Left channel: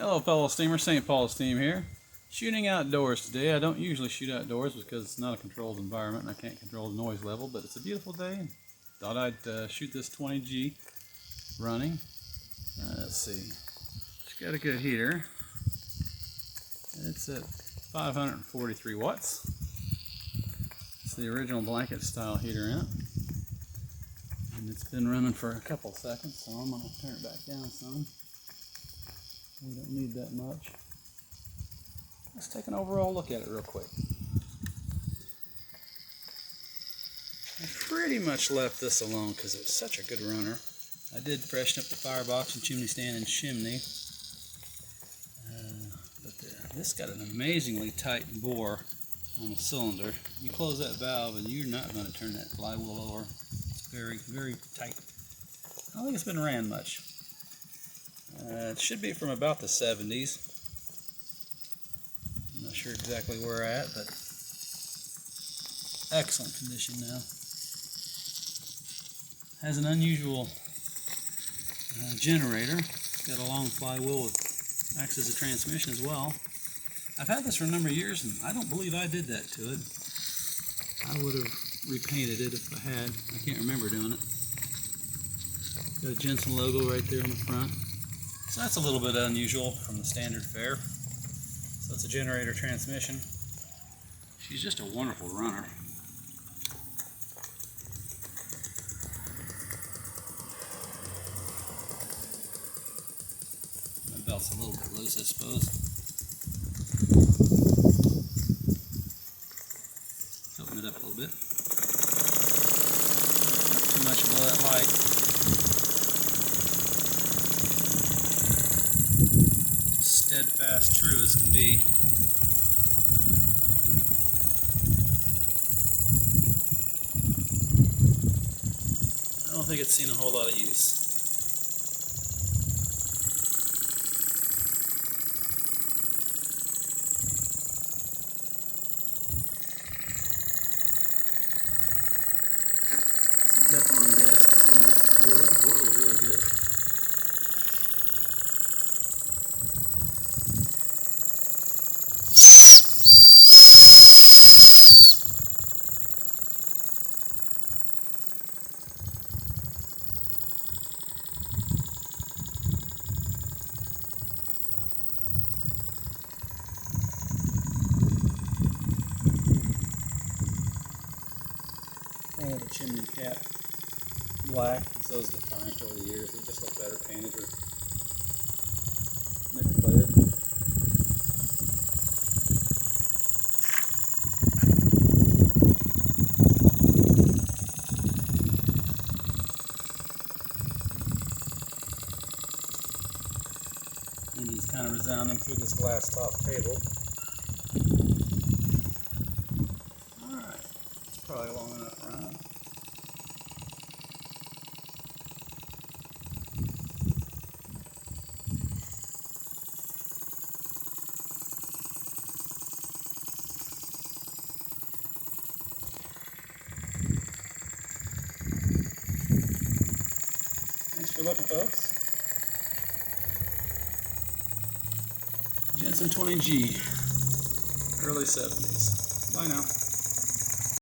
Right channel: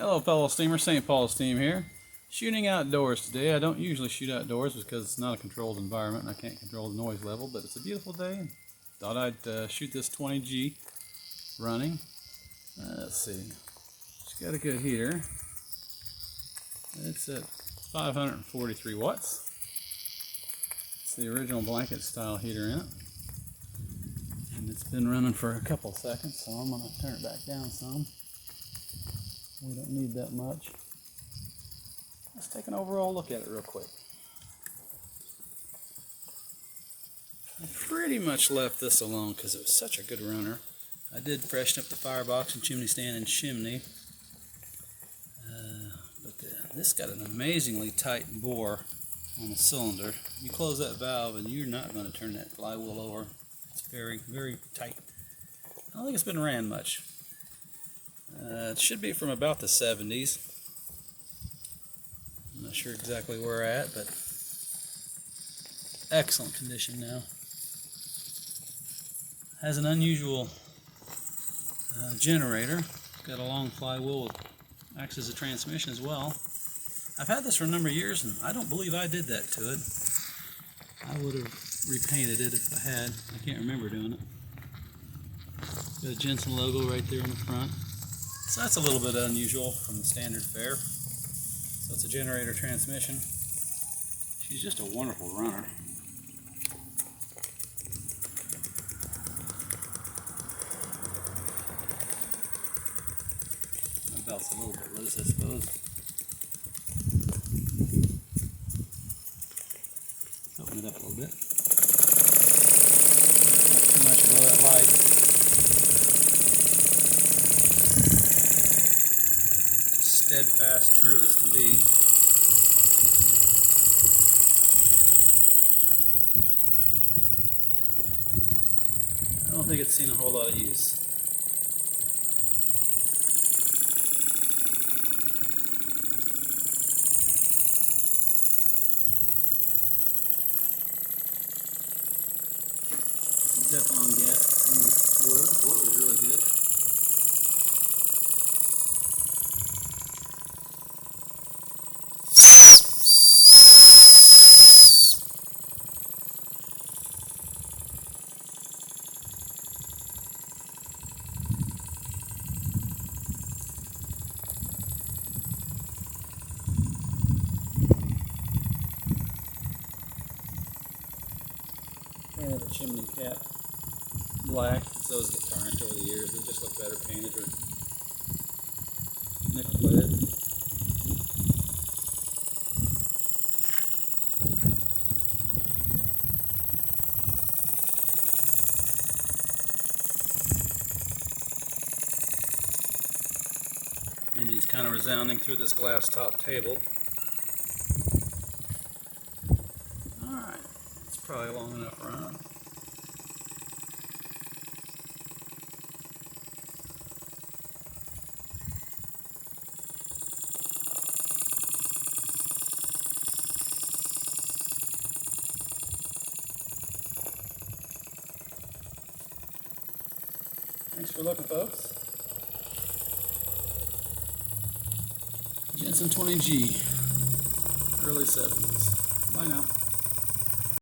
Hello fellow steamers, St. Paul's team here. Shooting outdoors today. I don't usually shoot outdoors because it's not a controlled environment and I can't control the noise level, but it's a beautiful day and thought I'd shoot this 20G running. Let's see. It's got a good heater. It's at 543 watts. It's the original blanket style heater in it. And it's been running for a couple seconds, so I'm going to turn it back down some. We don't need that much. Let's take an overall look at it real quick. I pretty much left this alone because it was such a good runner. I did freshen up the firebox and chimney stand and chimney. This got an amazingly tight bore on the cylinder. You close that valve and you're not going to turn that flywheel over. It's very, very tight. I don't think it's been ran much. It should be from about the 70s. I'm not sure exactly where we're at, but excellent condition now. Has an unusual generator. It's got a long flywheel with acts as a transmission as well. I've had this for a number of years and I don't believe I did that to it. I would have repainted it if I had. I can't remember doing it. Got a Jensen logo right there on the front. So that's a little bit unusual from the standard fare. So it's a generator transmission. She's just a wonderful runner. The belt's a little bit loose, I suppose. Let's open it up a little bit. Not too much below that light. Steadfast, true as can be. I don't think it's seen a whole lot of use. Some Teflon gaskets in the boiler. The boiler was really good. Painted the chimney cap black, as those get tarnished over the years. They just look better painted or nickel plated. Engine's kind of resounding through this glass top table. Probably long enough run. Thanks for looking, folks. Jensen 20G, early 70s. Bye now.